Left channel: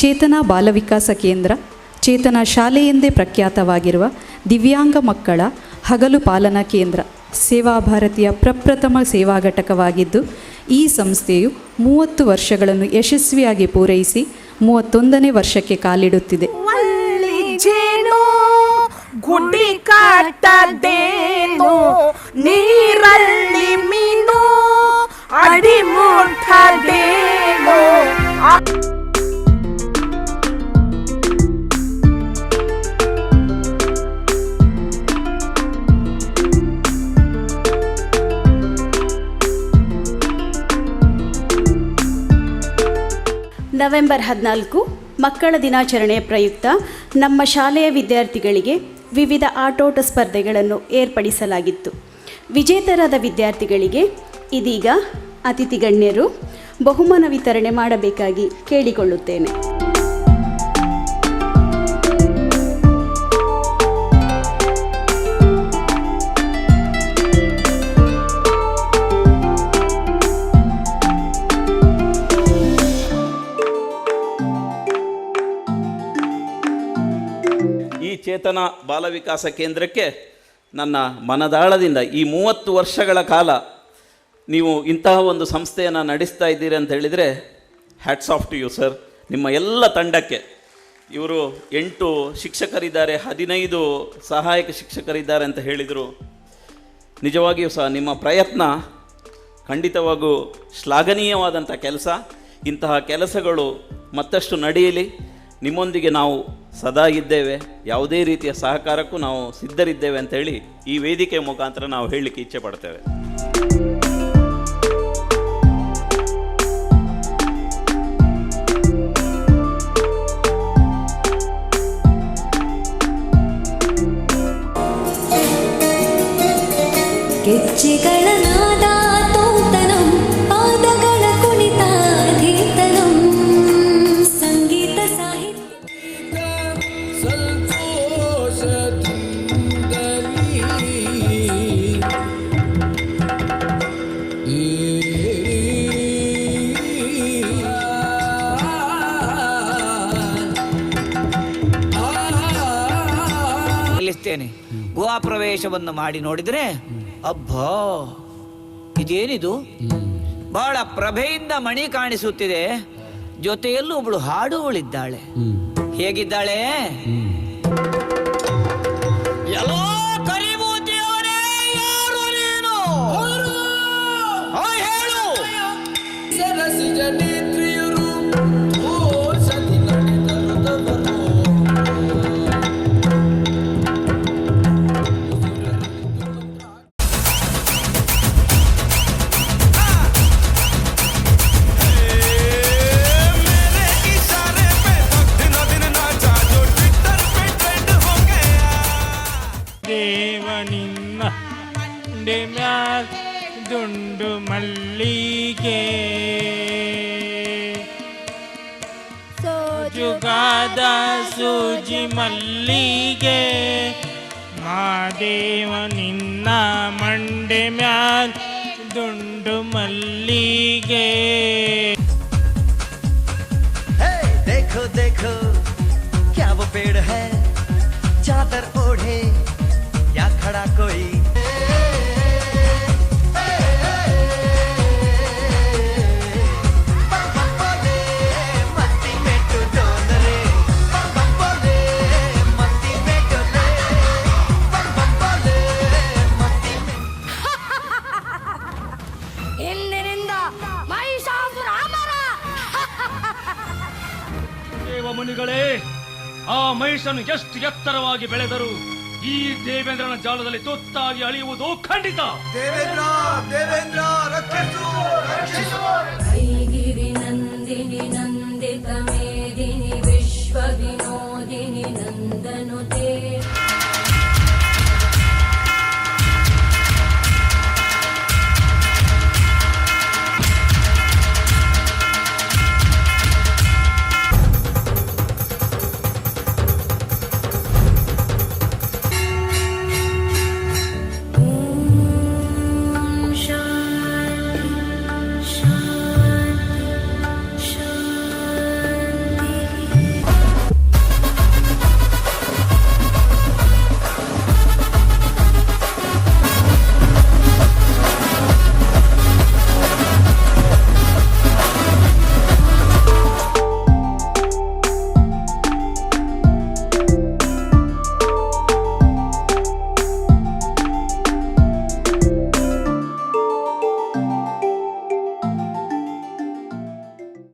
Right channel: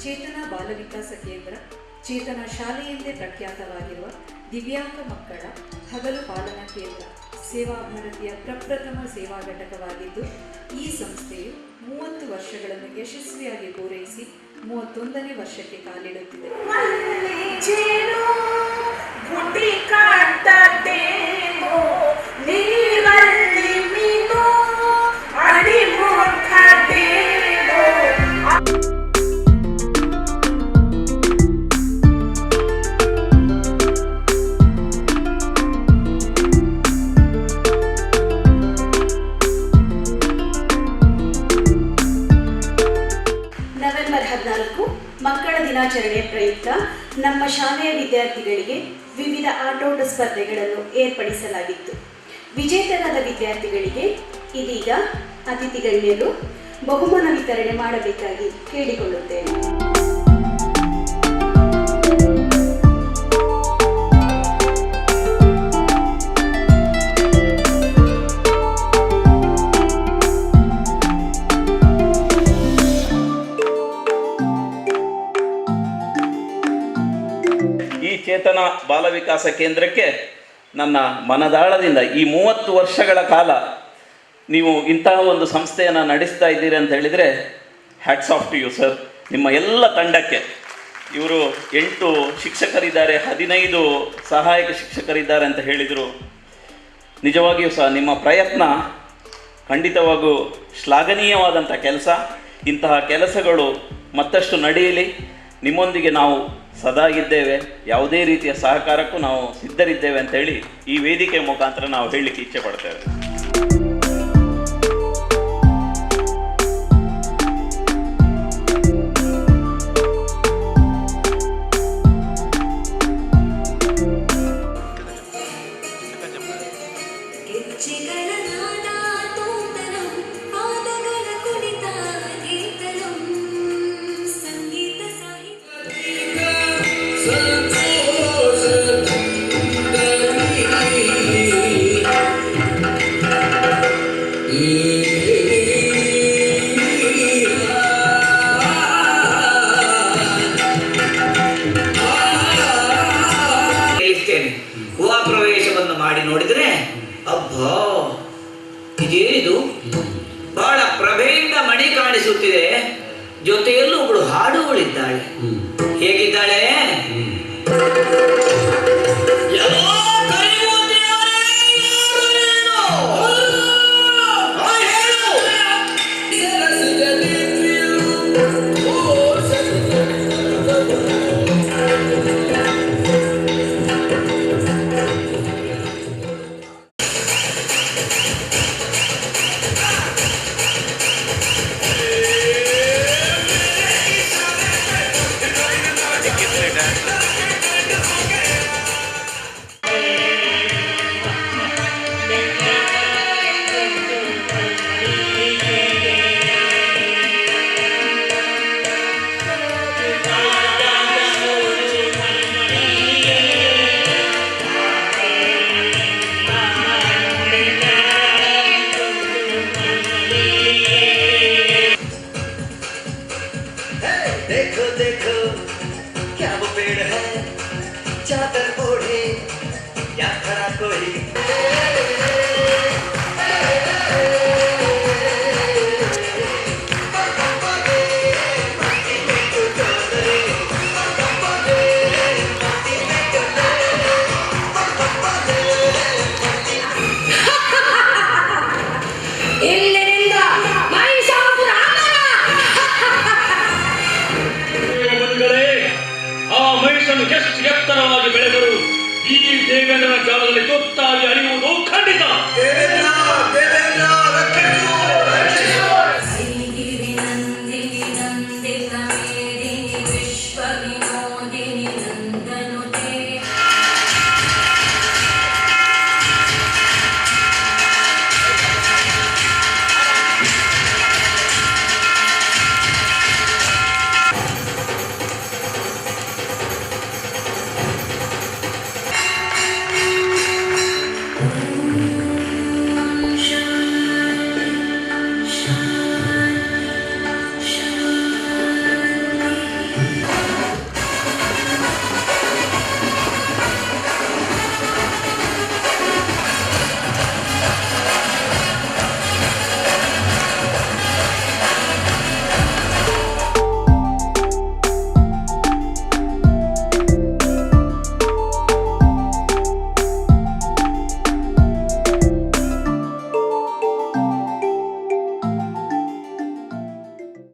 ಚೇತನ ಬಾಲ ವಿಕಾಸ ಕೇಂದ್ರ ಚೇತನ ಶಾಲೆ ಎಂದೇ ಪ್ರಖ್ಯಾತವಾಗಿರುವ ದಿವ್ಯಾಂಗ ಮಕ್ಕಳ ಹಗಲು ಪಾಲನಾ ಕೇಂದ್ರ ಸೇವಾ ಭಾರತಿಯ ಪ್ರಪ್ರಥಮ ಸೇವಾ ಘಟಕವಾಗಿದ್ದು, ಈ ಸಂಸ್ಥೆಯು 30 ವರ್ಷಗಳನ್ನು ಯಶಸ್ವಿಯಾಗಿ ಪೂರೈಸಿ 31ನೇ ವರ್ಷಕ್ಕೆ ಕಾಲಿಡುತ್ತಿದೆ. ನವೆಂಬರ್ 14 ಮಕ್ಕಳ ದಿನಾಚರಣೆ ಪ್ರಯುಕ್ತ ನಮ್ಮ ಶಾಲೆಯ ವಿದ್ಯಾರ್ಥಿಗಳಿಗೆ ವಿವಿಧ ಆಟೋಟ ಸ್ಪರ್ಧೆಗಳನ್ನು ಏರ್ಪಡಿಸಲಾಗಿತ್ತು. ವಿಜೇತರಾದ ವಿದ್ಯಾರ್ಥಿಗಳಿಗೆ ಇದೀಗ ಅತಿಥಿ ಗಣ್ಯರು ಬಹುಮಾನ ವಿತರಣೆ ಮಾಡಬೇಕಾಗಿ ಕೇಳಿಕೊಳ್ಳುತ್ತೇನೆ. ಚೇತನ ಬಾಲ ವಿಕಾಸ ಕೇಂದ್ರಕ್ಕೆ ನನ್ನ ಮನದಾಳದಿಂದ ಈ 30 ವರ್ಷಗಳ ಕಾಲ ನೀವು ಇಂತಹ ಒಂದು ಸಂಸ್ಥೆಯನ್ನು ನಡೆಸ್ತಾ ಇದ್ದೀರಿ ಅಂತ ಹೇಳಿದರೆ hats off to you sir. ನಿಮ್ಮ ಎಲ್ಲ ತಂಡಕ್ಕೆ, ಇವರು 8 ಶಿಕ್ಷಕರಿದ್ದಾರೆ, 15 ಸಹಾಯಕ ಶಿಕ್ಷಕರಿದ್ದಾರೆ ಅಂತ ಹೇಳಿದರು. ನಿಜವಾಗಿಯೂ ಸಹ ನಿಮ್ಮ ಪ್ರಯತ್ನ ಖಂಡಿತವಾಗೂ ಶ್ಲಾಘನೀಯವಾದಂಥ ಕೆಲಸ. ಇಂತಹ ಕೆಲಸಗಳು ಮತ್ತಷ್ಟು ನಡೆಯಲಿ. ನಿಮ್ಮೊಂದಿಗೆ ನಾವು ಸದಾ ಇದ್ದೇವೆ, ಯಾವುದೇ ರೀತಿಯ ಸಹಕಾರಕ್ಕೂ ನಾವು ಸಿದ್ಧರಿದ್ದೇವೆ ಅಂತೇಳಿ ಈ ವೇದಿಕೆ ಮುಖಾಂತರ ನಾವು ಹೇಳಲಿಕ್ಕೆ ಇಚ್ಛೆ ಪಡ್ತೇವೆ. ಗುಹಾ ಪ್ರವೇಶವನ್ನು ಮಾಡಿ ನೋಡಿದರೆ ಅಬ್ಬಾ, ಇದೇನಿದು? ಬಹಳ ಪ್ರಭೆಯಿಂದ ಮಣಿ ಕಾಣಿಸುತ್ತಿದೆ. ಜೊತೆಯಲ್ಲೂ ಒಬ್ಬಳು ಹಾಡುಗಳಿದ್ದಾಳೆ. ಹೇಗಿದ್ದಾಳೆ? देखो देखो क्या वो पेड़ है, चादर ओढ़े